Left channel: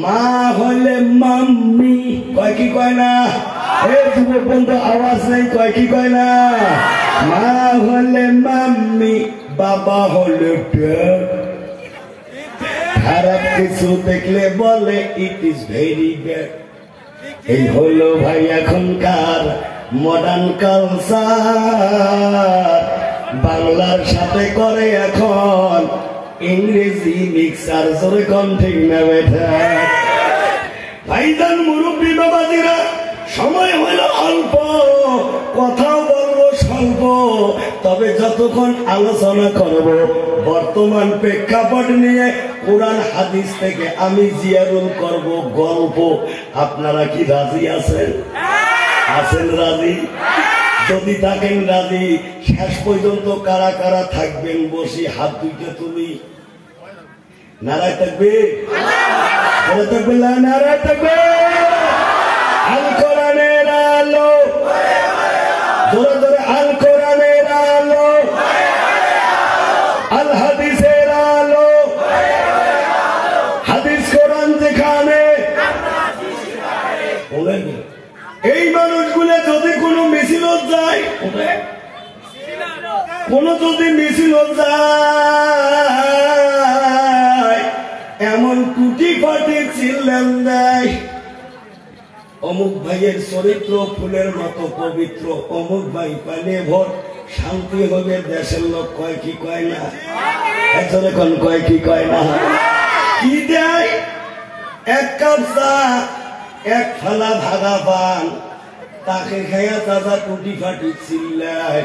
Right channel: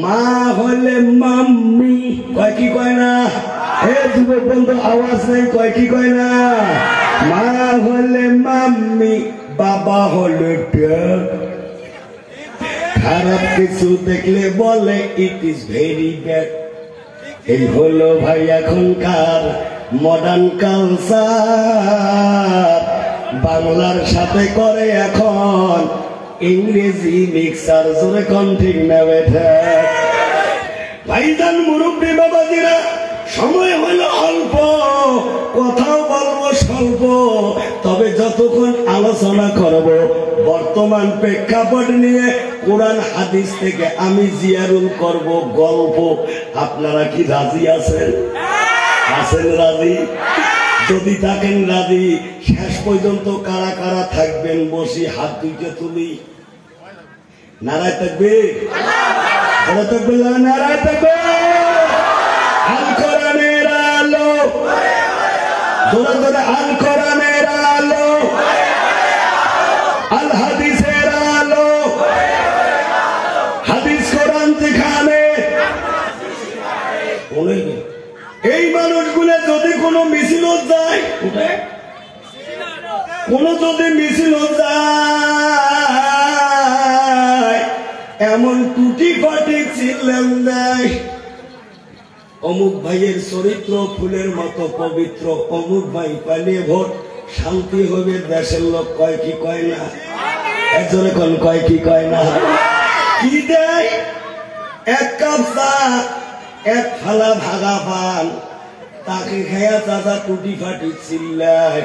মা হলে মাম্মি কয় কি কয় না? এ যুবক বন্ধু আওয়াজ নেই, কয় কি কয় না? মা হলে মাম্মি, বাবা হলে ড্যাড। খারাপ কিছু দেখলে বলে ইট ইজ ভেরি ব্যাড। এই হলো ভাই এখনকার মডার্ন কালচার। বাংলার সাথে করে এখন ইংরেজি মিক্সার। জোরে কোন ঠিক না বেটা? ভাইজান মুরব্বী বাবাজিরা, সময় হইল অল্প, কথা বলবো স্বল্প, তবে যতক্ষণ আলোচনা করব বর্তমান প্রেক্ষাপট নিয়ে কোরআন হাদিস থেকে আমি জিয়ারুল করব গল্প। আপনারা কি রাজি আছেন? আছেন রাজি? যদি থাকেন রাজি, শেষ পর্যন্ত কারা কারা থাকবেন বসি হাত দুইটা তুলি। নারায় থাকবে, থাকবে নারায় থাকবে। আল কোরআনের আলো, জোরে জোরে আল কোরআনের আলো, আল হাদিসের আলো, হাদিস কোরআন যেখানে। এই মানুষগুলো যদি কোনো মিছিল যায়, কোন যদি মিছিল যায়, এমন টুটি ফাটি চিল্লান দেয়, অমুক ভাইয়ের চরিত্র ফুলের মতো পবিত্র, অমুক ভাই পালে ভোট শান্তি হবে দেশের লোক। কয় কি কয় না? একজনে কোন কয় কি কয় না? কি দেয়? এক কাপ চা, এক ফালা ভাগা পান, তাকে খাইয়া চাচা টুটি ফাটি চিল্লায়।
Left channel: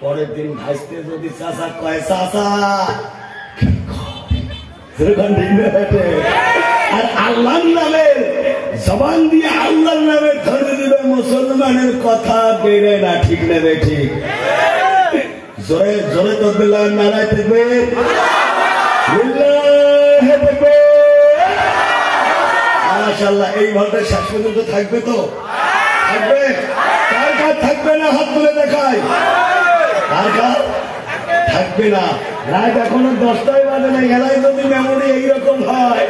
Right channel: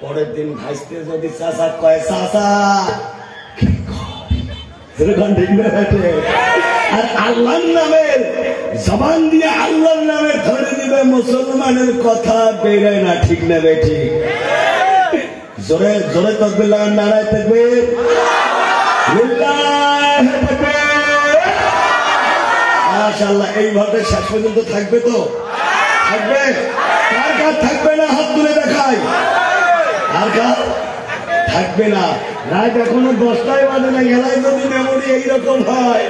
পরের দিন ভাসতে যদি চাচা কয় চাচা, আর আল্লাহর নামের জবান দিয়ে আল্লাহর নামে ধরে দিবে, মুসলমানের কথা বেড়ে না। ঠিক না রে? ঠিক। জোরে জোরে তকবীর, নারায়ে তাকবীর, লিল্লাহি তাকবীর। মাশাআল্লাহ। এই ভোটে শেষ পর্যন্ত থাকবে তো? থাকবে? কার কার থাকবে না হাত তুলে দেখায়। কার কার থাকবে না? রাত এখনো 10টায় বাজে না, এলাই যদি মেমোরি এইরকম হয়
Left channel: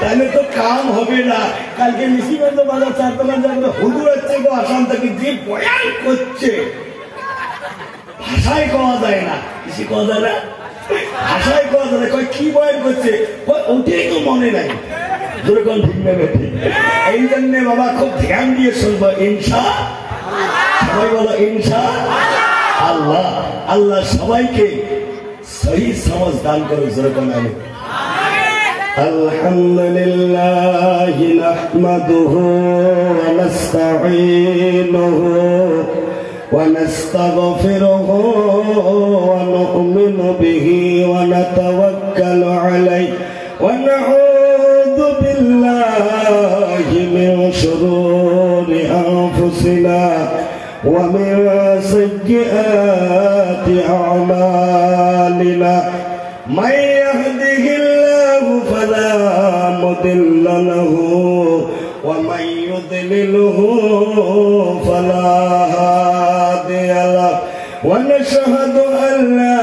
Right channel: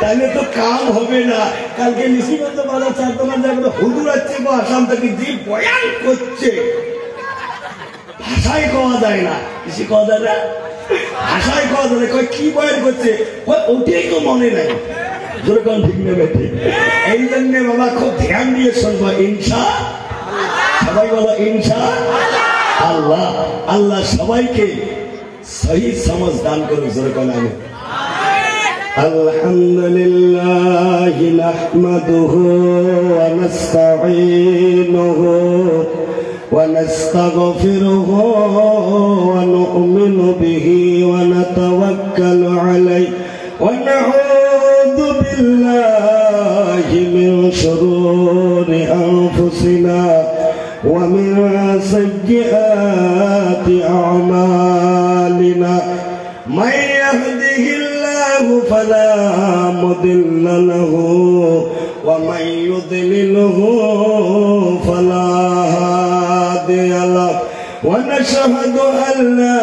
তাহলে তো কাম হবে না। কালকে নিশিগঞ্জ বাজার 4 দোকান জায়গায় হুজুর আসছে গো আসাম থেকে, যে বয়ান করছে ভাষায় কওয়া যায় না। কিছু কওয়া যায় না, ভাষায় কওয়া যায় না। কয় কি বয়ান করছে, ওটাই তো মনে নাই। যেরকম ঠিক না বেঠি? এই জন্য বাবা খুব ধ্যান দিয়ে শুনবো। ইনশা, সবাই বলো ইনশা আল্লাহ। আল্লাহ সবাইকে সহি সমঝ দান করে। যেরকম আমি আলহামদুলিল্লাহ নাহমাদুহু ওয়া নাস্তাঈনুহু ওয়া নাস্তাগফিরুহু ওয়া নু'মিনু বিহি ওয়া নাতাওয়াক্কালু আলাইহি ওয়া নাউযু বিল্লাহি মিন শুরুরি আনফুসিনা ওয়া মিন সাইয়্যাতি আ'মালিনা। মান ইয়াহদিহিল্লাহু ফালা মুদিল্লা লাহু ওয়া মান ইউদ্লিলহু ফালা হাদিয়া লাহু। ওয়া নাশহাদু আন লা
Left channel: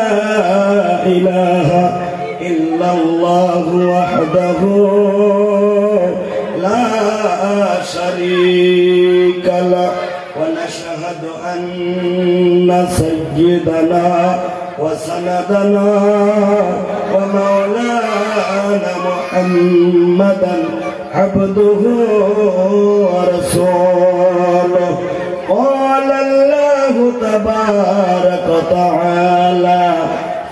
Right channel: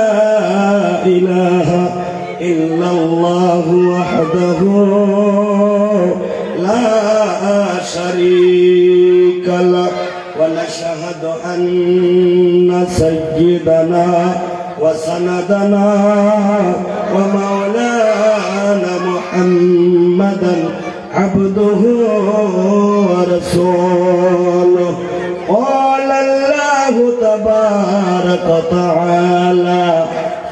ইলাহা ইল্লাল্লাহু ওয়াহদাহু লা শারীকা লাহু। ওয়া নাশহাদু আন্না সাইয়্যিদানা وسندنا ومولانا محمدا عبده ورسوله. قال الله تبارك وتعالى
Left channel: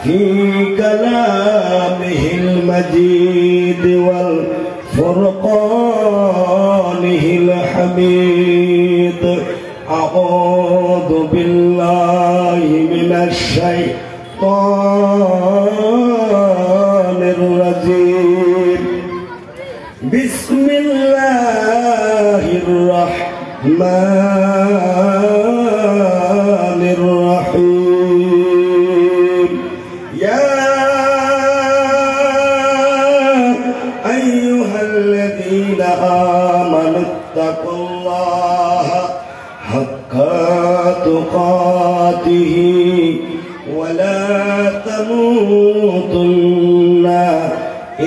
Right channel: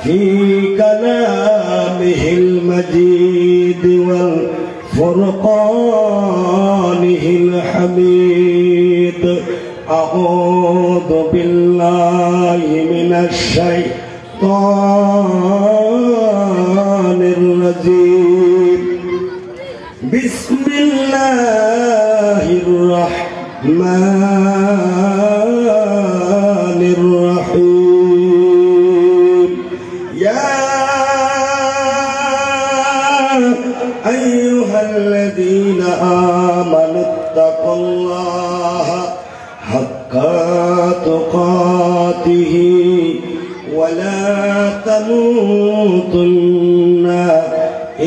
في كلامه المجيد والفرقانه الحميد. أعوذ بالله من الشيطان الرجيم. بسم الله الرحمن الرحيم. يا أيها الذين آمنوا اتقوا الله حق تقاته ولا تموتن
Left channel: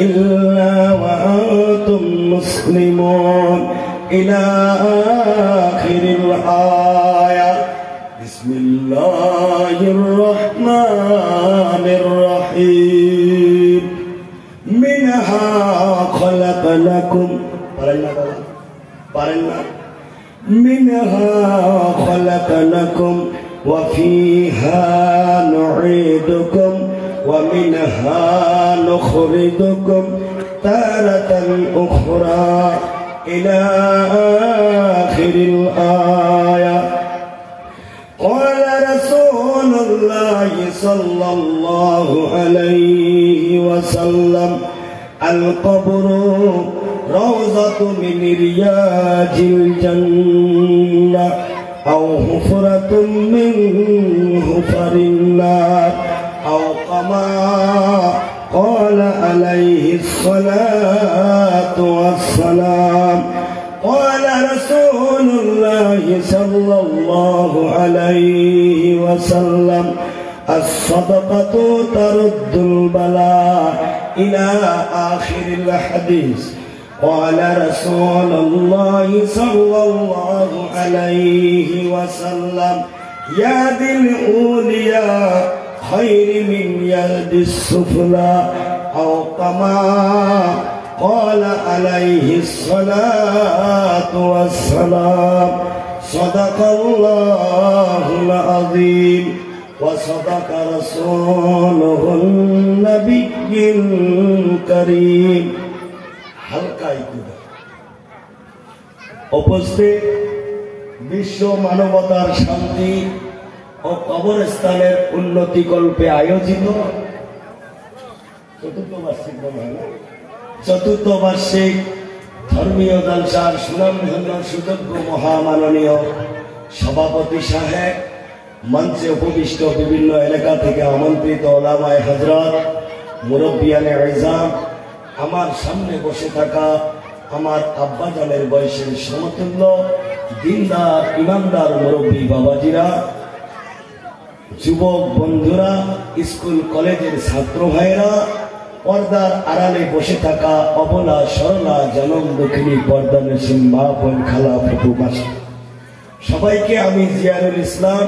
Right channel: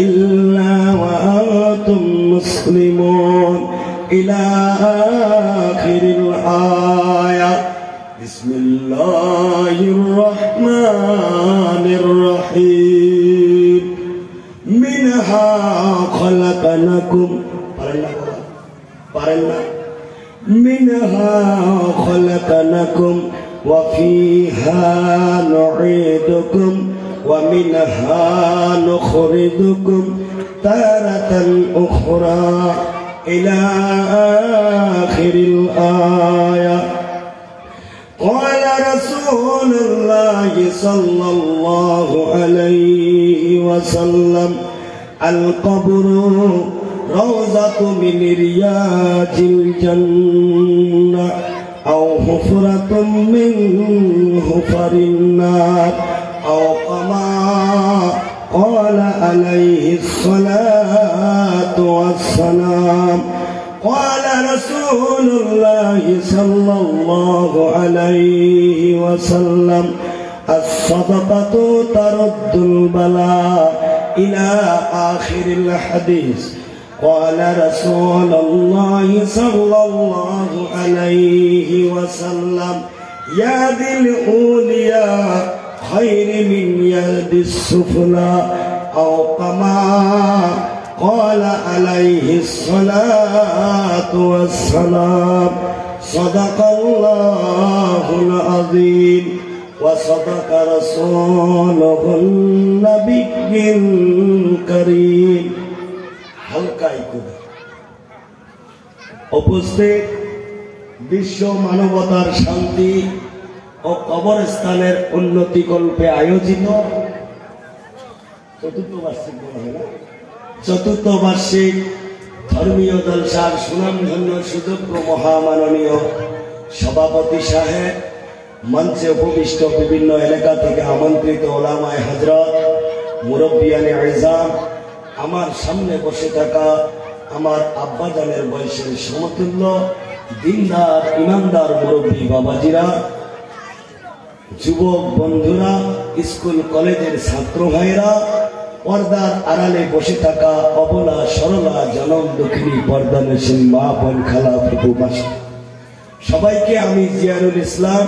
إلا وأنتم মুসলিমুন ইলা আখিরিল আয়া বিসমিল্লাহির রহমানির রহিম মিনহা খলাকনাকুম পারেন না বাবা পারেন না মিনহা খলাকনাকুম ওয়া ফিহা নুঈদুকুম ওয়া মিনহা নুখরিজুকুম তারাতান উখরা ইলা আখিরিল আয়া قال رسول الله صلى الله عليه وسلم القبر روضة من رياض الجنة أو حفرة من حفر النار أو كما قال عليه الصلاة والسلام قال رسول الله صلى الله عليه وسلم الصدقة ترد البلاء إلى آخر الحديث قال رسول الله صلى الله عليه وسلم يد الأولياء خير من يد السفلى أو كما قال عليه الصلاة والسلام صدق الله العظيم وصدق رسوله النبي الكريم হালকাই কুদা উপস্থিত বিশ্ব মানবতার শান্তি ও কবরস্থানের উন্নতি কল্পে আয়োজিত চতুর্থ বার্ষিক ধর্মীয় জলসার সুনামধন্য সুযোগ্য মহামাননীয় সভাপতি সাহেব, মঞ্চে উপবিষ্ট বিভিন্ন এলাকা থেকে আমন্ত্রিত ওলামায়ে হযরত, মুরব্বিয়ানে আযম, আমার সামনে বসে থাকা আমার আব্বাজানের বয়সের সমতুল্য দিনদার ইমানদার মুরব্বী বাবাজিরা, যুবক বন্ধুরা, স্কুল কলেজের ছাত্র ভাইরা, পর্দার আড়ালে বসে থাকা অবলা সরলা জনম দক্ষিণী পর্দানসীন মা বোন খালা ফুপু মাসি, সবাইকে আমি জিয়ারুল ইসলাম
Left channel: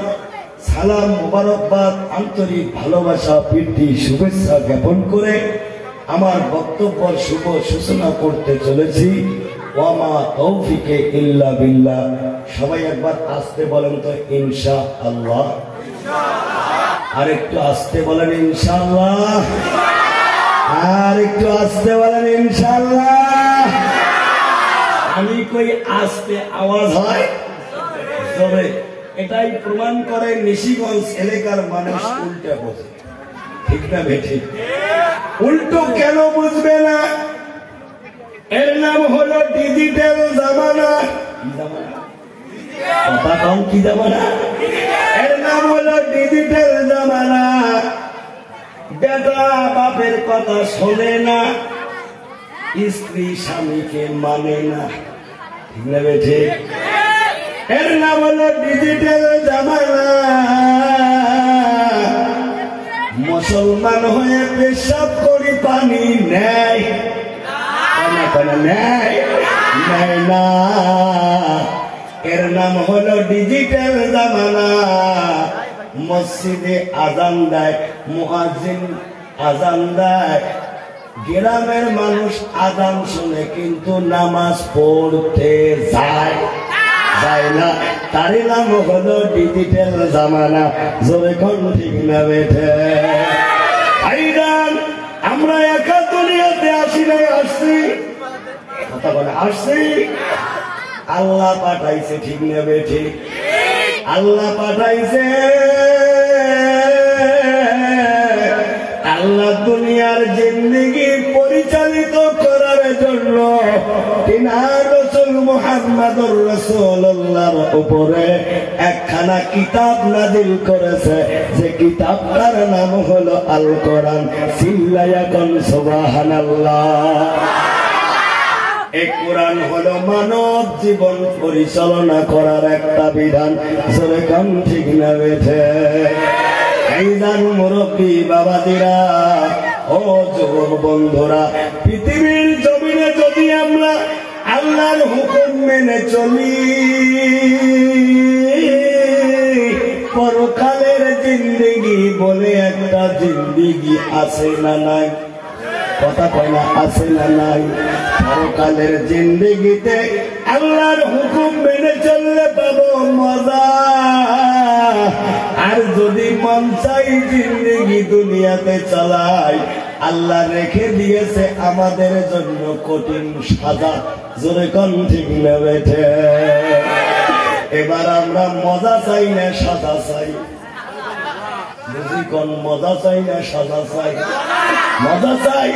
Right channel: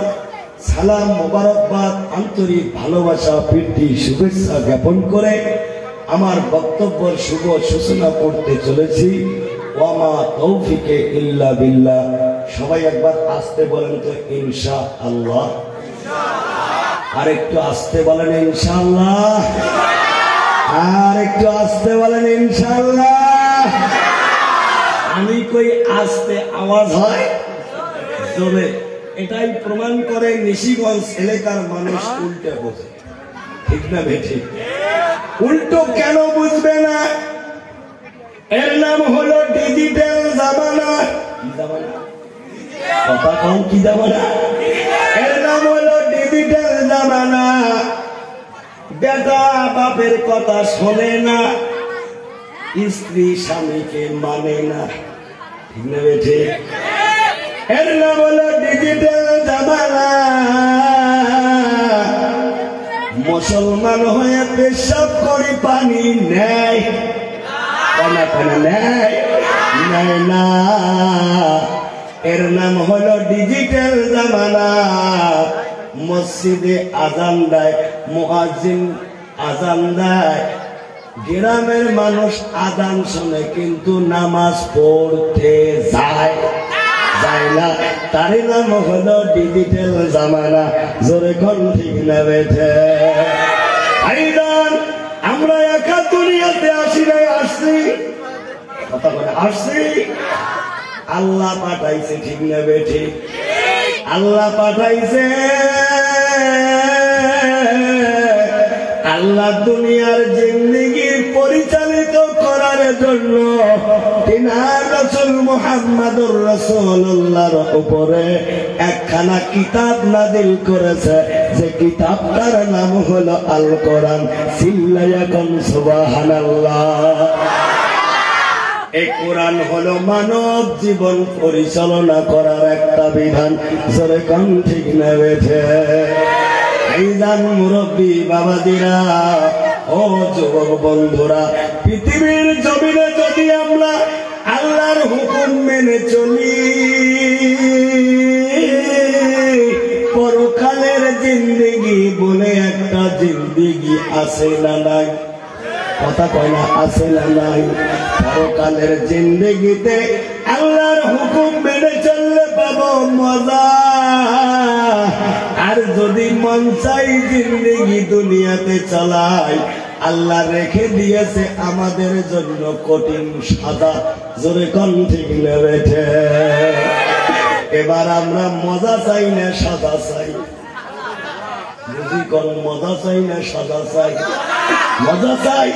সালাম মোবারকবাদ আন্তরিক ভালোবাসা প্রীতি শুভেচ্ছা জ্ঞাপন করে আমার বক্তব্যের শুভ সূচনা করতে চলেছি। ওয়ামা তৌফিকে ইল্লা বিল্লাহ। সবাই একবার আসতে বলেন তো ইনশাআল্লাহ। আর একটু আসতে বলেন ইনশাআল্লাহ। আর একটু আসতে বলেন ইনশাআল্লাহ। আমি কই আসতে আওয়াজ হয় তবে এটাই প্রমাণ করে নিশিগঞ্জ এলাকার মানুষ উল্টে বোঝে, ঠিক না বেঠিক? উল্টো কেন বুঝবে না? এর নাম হলো ডিজিটাল জামানা। কথা কম, কি জামানা? এর নাম হলো ডিজিটাল জামানা। বেটা বাপের কথা শোনে না, স্ত্রী স্বামীকে মানে না, ঠিক না বেঠে? এর নাম হলো ডিজিটাল জামানা। মুসলমান হয়ে পেশাব করি পানি নেয় নেয় না। এর নাম হলো ডিজিটাল জামানা। মসজিদে আজান দেয়, মুয়াজ্জিন আজান দেয়, গ্রামের মানুষ আজান শুনে কিন্তু নামাজ পড়তে যায় না। তারই নাম হলো ডিজিটাল জামানা। জোরে কোন ঠিক না বেঠে? ভাইজান, আমরা একা দুনিয়াতে আসি নাই, আসছি, কথা বলে আসছি, আল্লাহ পাঠাইছে, ঠিক না বেঠে? আল্লাহ পাঠাইছে। আল্লাহ দুনিয়ার জিন্দেগি পরিচালিত করার জন্য তিনার রাসূল মুহাম্মদুর রাসূলুল্লাহর উপরে একখানা কিতাব নাযিল করেছে, যে কিতাবটার নাম হলো আল কোরআন। চিল্লায়া কোন সুবহানাল্লাহ। এই কোরআন হলো মানব জীবন পরিচালনা করার একটা বিধান। জোরে কোন ঠিক না বেঠে? ভাইজান, মুরব্বী বাবাদিরা, ও যুবক বন্ধুরা, পৃথিবীর জমিনে যদি আমরা মেনে চলি, পরকালের জিন্দেগি বলে একটা জিন্দেগি আছে না নাই? কথা কয় না, আছে না নাই? পরকালের জিন্দেগিতে আল্লাহর হুকুম মেনে চললে পাবো মজা, আর যদি মন চাই জিন্দেগি দুনিয়াতে চালাই, আল্লাহ রেখে দিয়েছে আমাদের জন্য কঠিন সাজা। জোরে কোন ঠিক না বেঠে? এবার আমরা মজা চাই না সাজা চাই? বুঝি কোন মজা চাই না সাজা চাই? মজা চাই।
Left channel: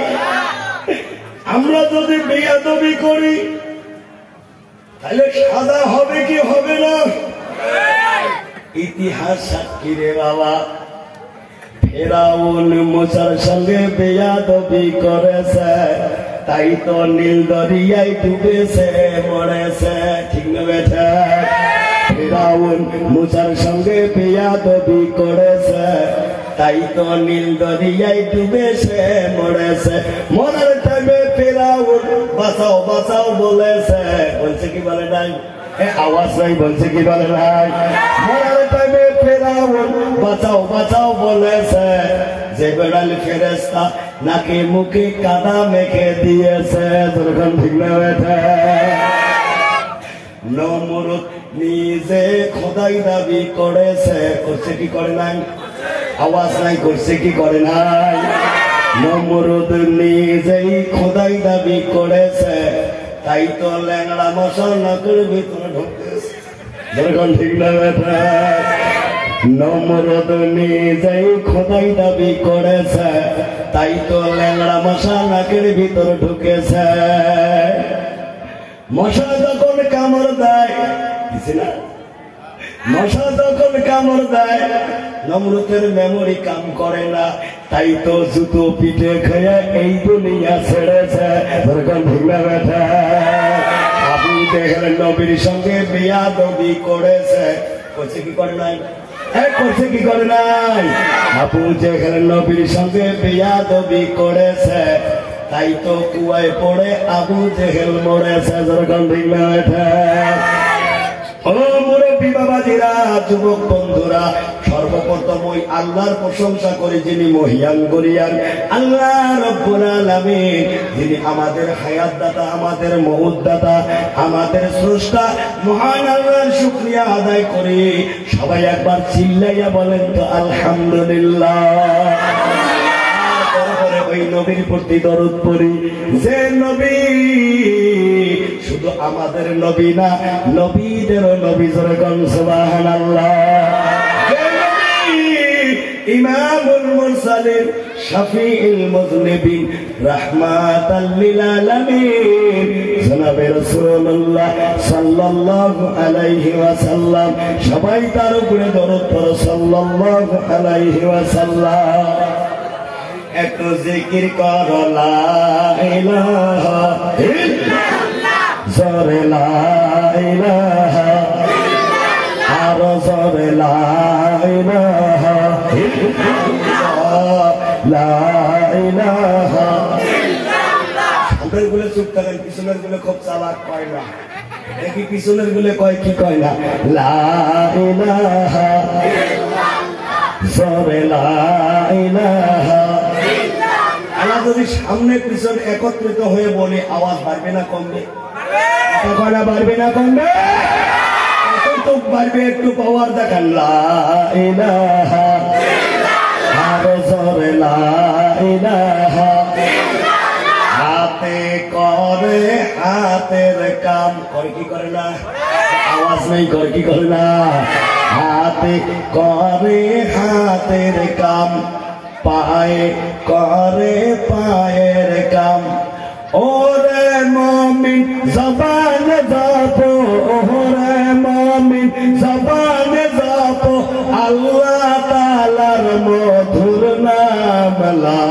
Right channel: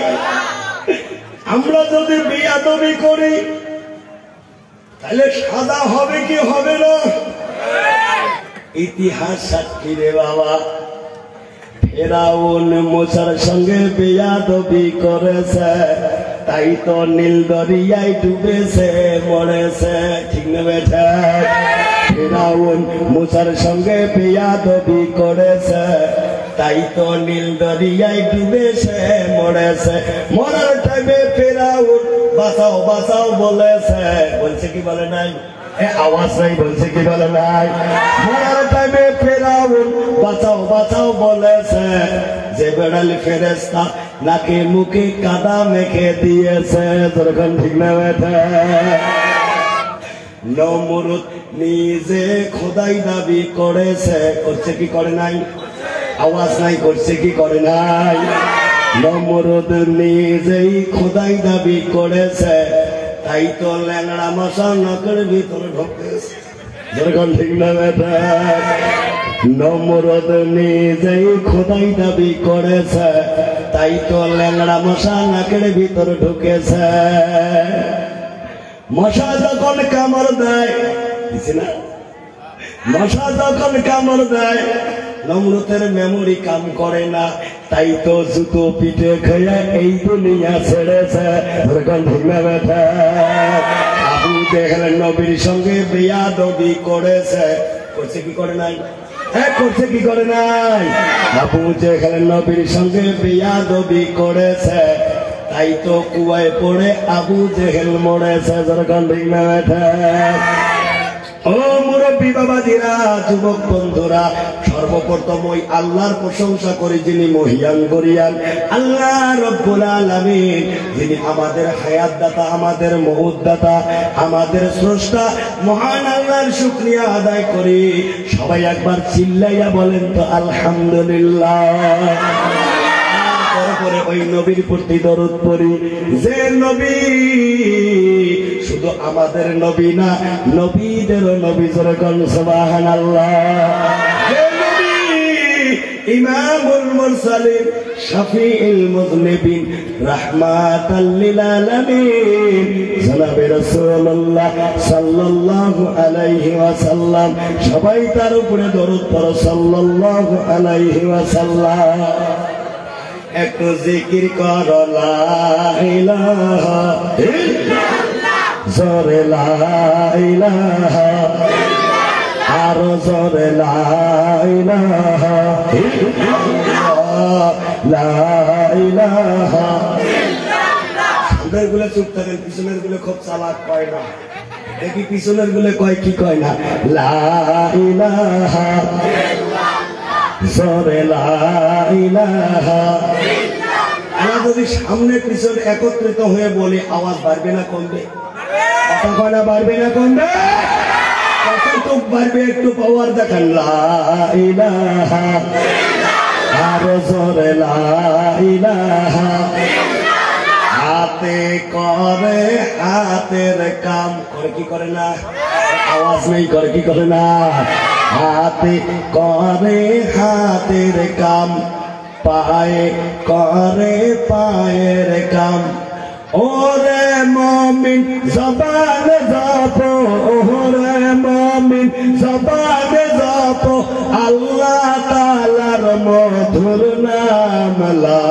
আমরা যদি বেয়াদবি করি তাহলে সাজা হবে কি হবে না? ইতিহাস সাক্ষী রে বাবা। ফেরাউন মুসার সঙ্গে বেয়াদবি করেছে, তাই তো নীল দরিয়ায় ডুবেছে মরেছে। ঠিক না বেঠা? ফেরাউন মুসার সঙ্গে বেয়াদবি করেছে, তাই তো নীল দরিয়ায় ডুবেছে মরেছে। মরার টাইমে ফেরাউন বাঁচাও বাঁচাও বলেছে, বলছে কি বলে নাই? আওয়াজ নাই, বলছে কি বলে নাই? মরার টাইমে ফেরাউন বাঁচাও বাঁচাও বলেছে, যে বেড়াল ফেরেশতা নাকে মুখে কাদা মেখে দিয়েছে। তখন ঠিক না বেঠা? নমরুদ নিজে খোদাই দাবি করেছে, করছে কি করে নাই? আওয়াজ নাই, করছে কি করে নাই? নমরুদ নিজেই খোদাই দাবি করেছে, তাই তো ল্যাংড়া মশা নখের ভিতরে ঢুকতেছে। যখন ঠিক না বেটা? নমরুদ নিজেই খোদাই দাবি করেছে, তাই তো ল্যাংড়া মশা নাকের ভিতরে ঢুকেছে। মশা যখন কামড় দেয়, না মশা যখন কামড় দেয়, নমরুদের মেমোরি কাম করে না, তাই তো জুতো পিঠে খেয়ে এই দুনিয়া ছেড়েছে। ঠিক না বেটা? আবু জেহেল নবীর সঙ্গে বেয়াদবি করেছে, করছে কি করে নাই? করছে কি করে নাই? আবু জেহেল নবীর সঙ্গে বেয়াদবি করেছে, তাই তো কুয়ায় পড়ে আবু জেহেল মরেছে। যখন ঠিক না বেটা? ও মুরব্বী বাবাজিরা, যুবক বন্ধুরা, সর্বপ্রথম ওই আল্লাহর প্রশংসা করি যিনি মহিয়ান গরিয়ান, আল্লাহ রব্বুল আলামিন, যিনি আমাদের হায়াত দাতা, আমাদের মউত দাতা, আমাদের স্রষ্টা। মহান আল্লাহর শুকরিয়া আদায় করি। সবাই একবার চিল্লাইয়া বলেন তো আলহামদুলিল্লাহ। তারপরে ওই নবীর প্রতি দরুদ পড়ি, যে নবী শুধু আমাদের নবী না, নবীদেরও নবী। জোরে কোন সুবহানাল্লাহ। যে নবী ইমামুল মুরসালিন, শাফিউল মুযনিবিন, রাহমাতাল লিল আলামিন, জনাবে রাসূলুল্লাহ সাল্লাল্লাহু আলাইহি ওয়াসাল্লাম। সবাই তার উপরে দরুদ পড়ো সাল্লাল্লাহু আলাইহি ওয়াসাল্লাম। একটু জিকির করো লা ইলাহা ইল্লাল্লাহ, জোরে লা ইলাহা, আরো জোরে লা ইলাহা ইল্লাল্লাহ, লা ইলাহা ইল্লাল্লাহ। সামনের গুলো চুপ থাকেন, পিছনের গুলো খুব চালাক কয় না। দেখি পিছনের গুলো কয় কি কয় না? লা ইলাহা ইল্লাল্লাহ, জোরে লা ইলাহা। আমরা যদি সামনে পিছনে একত্রিত হয়ে বলি, আওয়াজ বাড়বে না কমবে? কথা বাড়বে না কমবে? কতটুক বাড়বে? একটু পাওয়ার দেখান। লা ইলাহা, আরো জোরে লা ইলাহা। হাতে করে হাতের কাম, করে কি করে না? আওয়াজ নেই, করে কি করে না? হাতে করে হাতের কাম, পায়ে করে পায়ের কাম। ওরে মুমিন জবান জপো, ওরে মুমিন জবান জপো, আল্লাহ তাআলার মধুর নাম লা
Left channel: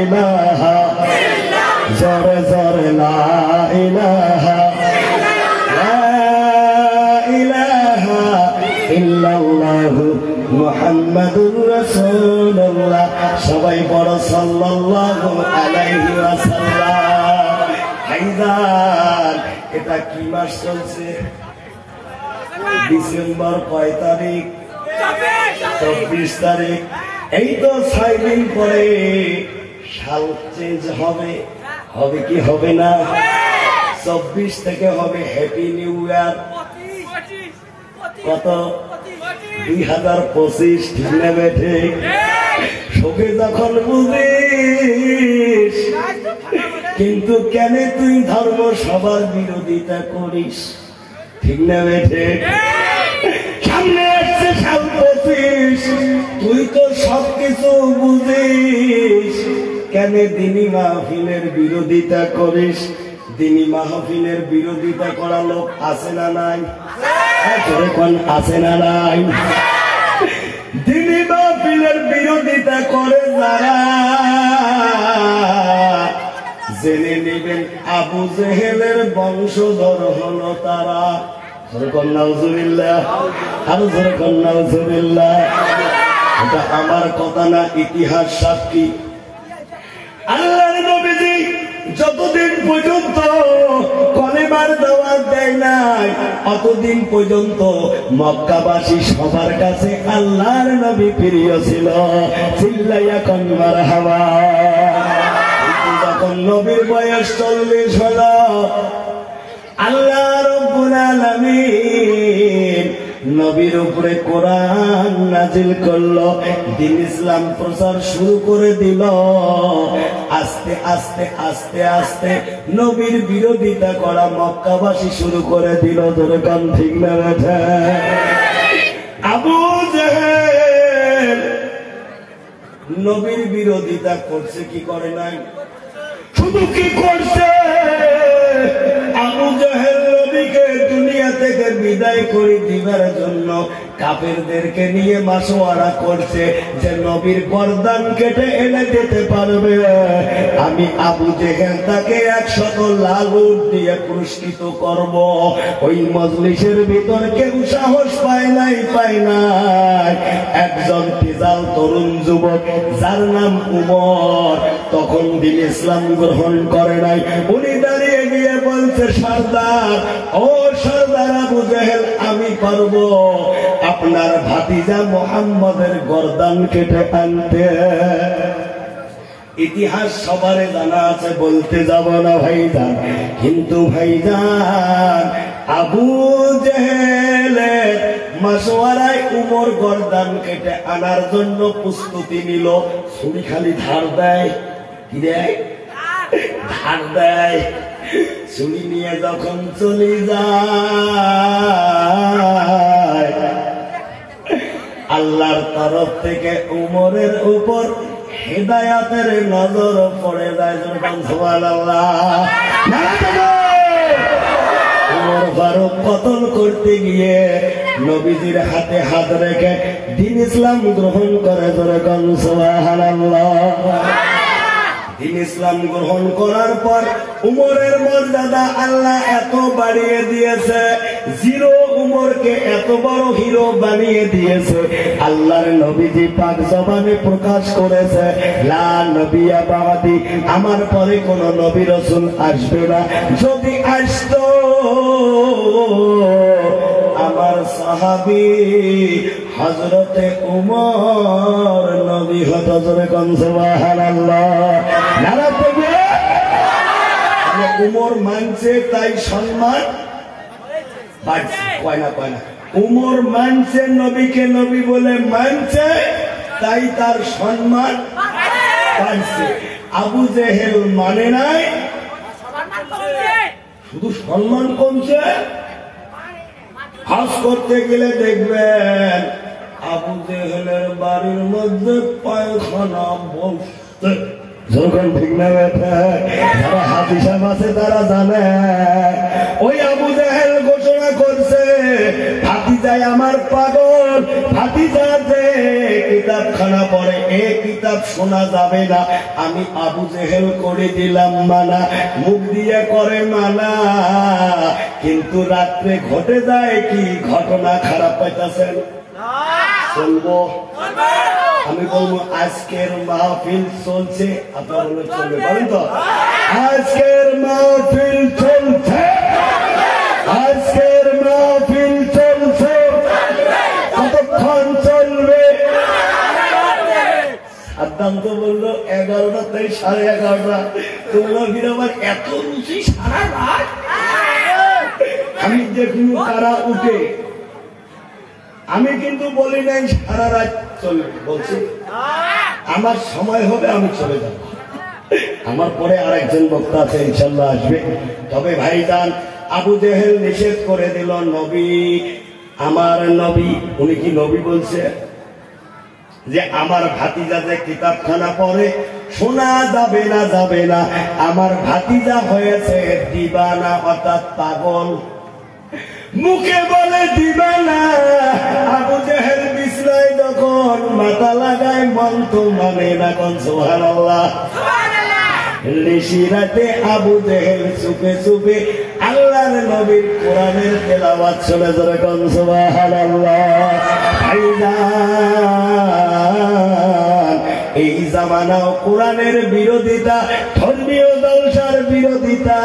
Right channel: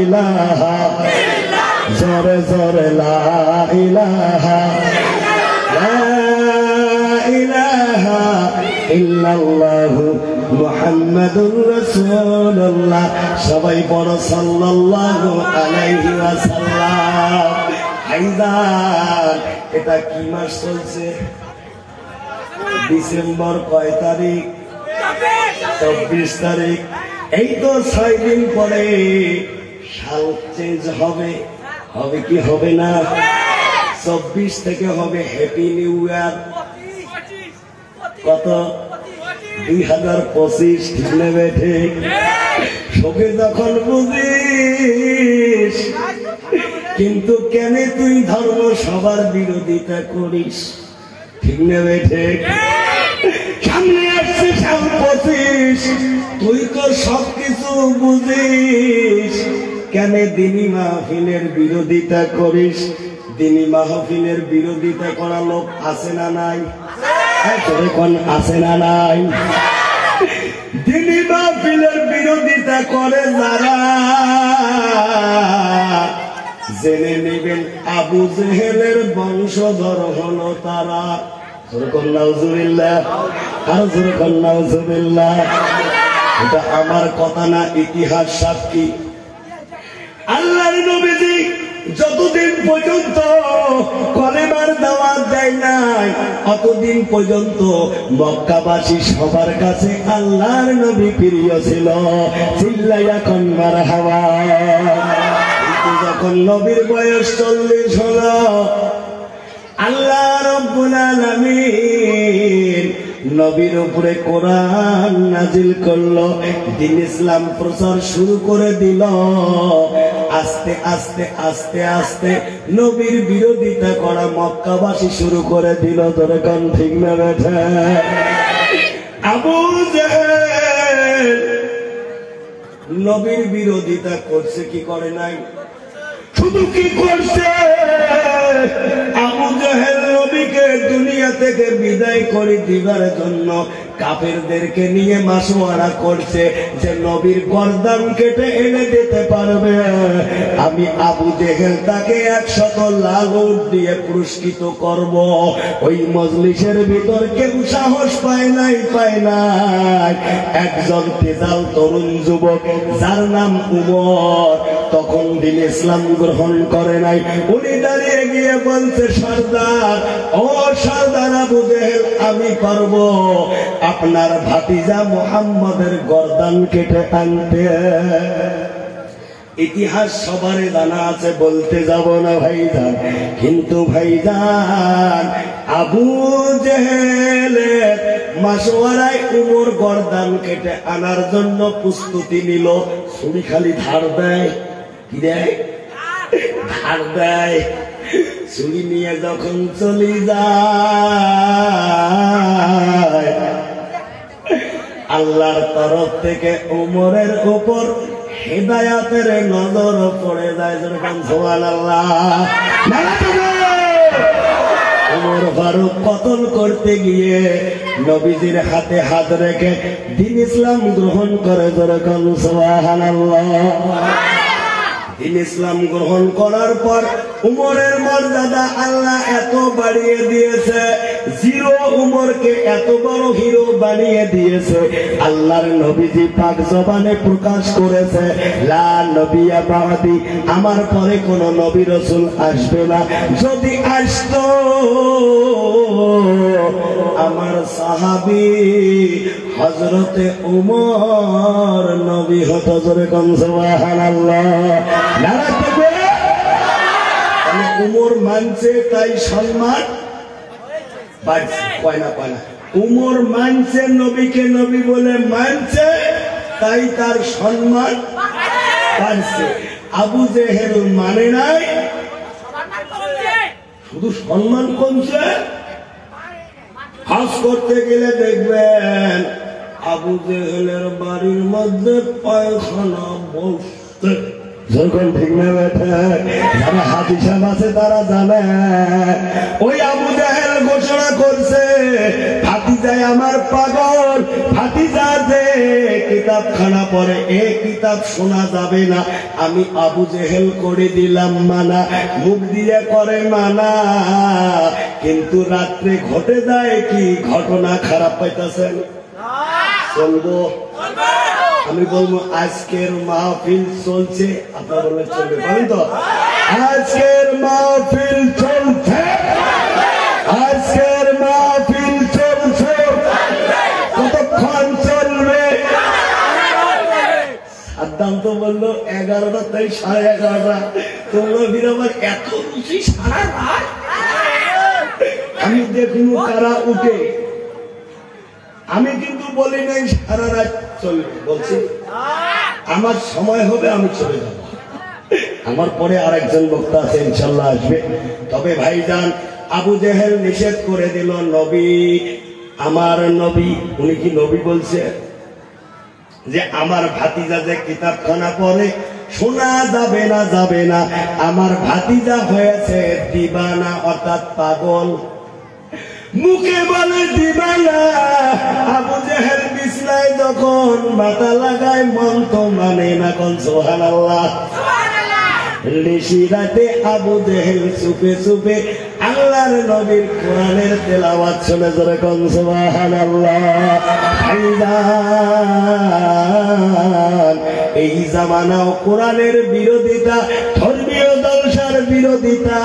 ইলাহা ইল্লাল্লাহ, জোরে জোরে লা ইলাহা, লা ইলাহা ইল্লাল্লাহু মুহাম্মাদুর রাসূলুল্লাহ। সবাই বড় সাল্লাল্লাহু আলাইহি ওয়াসাল্লাম। ভাইজান, এটা কি মাস চলছে? ডিসেম্বর কয় তারিখ? 24 তারিখ। এই তো 6 দিন পরে সাল চেঞ্জ হবে। হবে কি হবে না? 24 থেকে হবে হ্যাপি নিউ ইয়ার। কত? 2025। ঠিক না বেঠে? সবে যখন বুঝিস, কিন্তু কেন তুই ধর্ম সবার বিরোধিতা করিস? ঠিক না বেঠে? সামনে আসছে সাল 25, তুই তো সবকিছু বুঝিস, কেন দিনী মাহফিলের বিরোধিতা করিস? দিনী মাহফিলের বিরোধিতা করা লোক আছে না নাই? কোন আছে না নাই? দিনী মাহফিলের বিরোধিতা করে যারা, জেনে নেবেন আবু জেহেলের বংশধর হলো তারা। নাউজুবিল্লাহ, আর জোরে কোন নাউজুবিল্লাহ। এটা আমার কথা না, ইতিহাস সাক্ষী। আল্লাহর নবীজি যতদিন পর্যন্ত কলেমার দাওয়াত দেয় নাই, অতদিন পর্যন্ত মক্কাবাসী সবার কাছে আল্লাহর নবী প্রিয় ছিল। চিল্লাইয়া কোন মারহাবা। যখন নবীর বয়স 40 হলো, আল্লাহ রাব্বুল আলামিন নবীর উপরে কোরআন নাজিল করলো, দ্বীন ইসলাম প্রচার শুরু করে দিল। আস্তে আস্তে আস্তে আস্তে নবীর বিরোধিতা করা মক্কাবাসী শুরু করে দিল। ধরে কান ঠিক না বেঠা? আবু জেহেল নবীর বিরোধিতা করছে কি করে নাই? শুধু কি করছে? আবু জেহেল নবীকে দুনিয়া থেকে বিদায় করে দিবার জন্য কাফেরদেরকে নিয়ে মাসওয়ারা করছে যে নবীর গর্দান কেটে এনে দিতে পারবে। আমি আবু জেহেল তাকে 100 লাল উট দিয়ে পুরস্কৃত করব। ওই মজলিসের ভিতর কেউ সাহস পায় নাই। একজন তেজাল তরুণ যুবক যার নাম উমর, তখন দ্বীন ইসলাম গ্রহণ করে নাই। উনি দাঁড়িয়ে গিয়ে বলছে, সর্দার, ও সর্দার আবু জেহেল, আমি পারবো আপনার ভাতিজা মুহাম্মদের গর্দান কেটে আনতে। ইতিহাস সবারে জানা আছে, বলতে যাব না ভাইজান। কিন্তু ভাইজান, আবু জেহেলের মাসওয়ারায় উমর গর্দান কেটে আনার জন্য প্রস্তুতি নিল। ছুরি খালি ধার দেয়। কি দেয়? ধার দেয়। ছুরি নিয়ে যখন চলে যায়, আল্লাহর তরফ থেকে উমরের উপর হেদায়াতের নজর পড়ে যায়। যখন সুবহানাল্লাহ, উমর ফারুক কতল করতে গিয়ে নবীজির হাতে হাত রেখে দ্বীন ইসলাম গ্রহণ করে। যখন সুবহানাল্লাহ, দ্বীন ইসলাম গ্রহণ করার পর উমরের মর্যাদা আল্লাহ এত বাড়িয়ে দিয়েছে, জিরো উমরকে এত বড় হিরো বানিয়ে দিয়েছে। আল্লাহর নবীজি পাক জবানে প্রকাশ করেছে, লা নবিয়া বাদি, আমার পরে কোন নবী রাসূল আসবে না। যদি আসতো আমার সাহাবী হযরতে উমর নবী হতো। জোরে কোন সুবহানাল্লাহ। নারায়ে তাকবীর। উমর মানছে তাই সম্মান বাড়ছে। কয় না? উমর মানছে, নবীকে নবী বলে মানছে, তাই তার সম্মান বাড়ছে। আবু জেহেল মানে নাই, শুধু সম্মান কমছে। হজ করতে গেলে দেখবেন আবু জেহেলের বাড়ির মধ্যে পায়খানা বসতে। যখন ঠিক না বেঠা? যারা হাজি সাহেব আছে তারা জানে। ওই আবু জেহেল ঘোষণা করছে, ভাতিজায় আমার পাগল, ভাতিজা যে কিতাবখানা পড়ে এ কিতাব শোনা যাবে না। আমি আবু জেহেল করে দিলাম মানা, মুখ দিয়ে করে মানা, কিন্তু রাত্রে ঘটে যায় কি ঘটনা। খারাপ পাইতেছেন? চলবো? আমি বলবো আজকের মাহফিল চলছে, আপনারা বললে চলবে, বলেন তো? আজকের মাহফিল চলছে, নাই 11:30। তোমরা ফির আমার এত রুচি সারা রাত। আমি দেখুন তারা উঠে, আমি কিন্তু বলি নাই সারা রাত চলবে, বলছি আমার সময় হবে আমি চলে যাব। আমার পরে আরেকজন বক্তা আছে ইনশাল্লাহ আসবে। তবে ভাইজান আবু জেহেল নিষেধ করে দিল, নবী আমার নবী, উনি কি নবী বলছে যে আমার ভাতিজা যে কিতাবখানা পড়ে শোনা যাবে না, যাবে না। আমার ভাতিজা হয়েছে দিবানা অর্থাৎ পাগল, মুখে বলে দিবানা। আবু জেহেল বিছনায় যখন মাথা লাগায় মন তো মানে না, কোন সুবহানাল্লাহ। ঋষি রাতে আবু জেহেল চুপে চুপে আল্লাহর নবীর কোরআনের তেলাওয়াত শুনে ধরে কোন সুবহানাল্লাহ। এই জামানাও কোরআনের বিরোধিতা, ধর্মীয় জলসার বিরোধিতা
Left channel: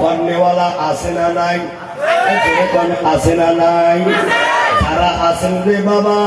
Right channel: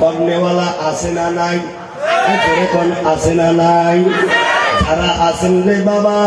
করনেওয়ালা আছে না নাই? আছে না নাই? যারা আছেন রে বাবা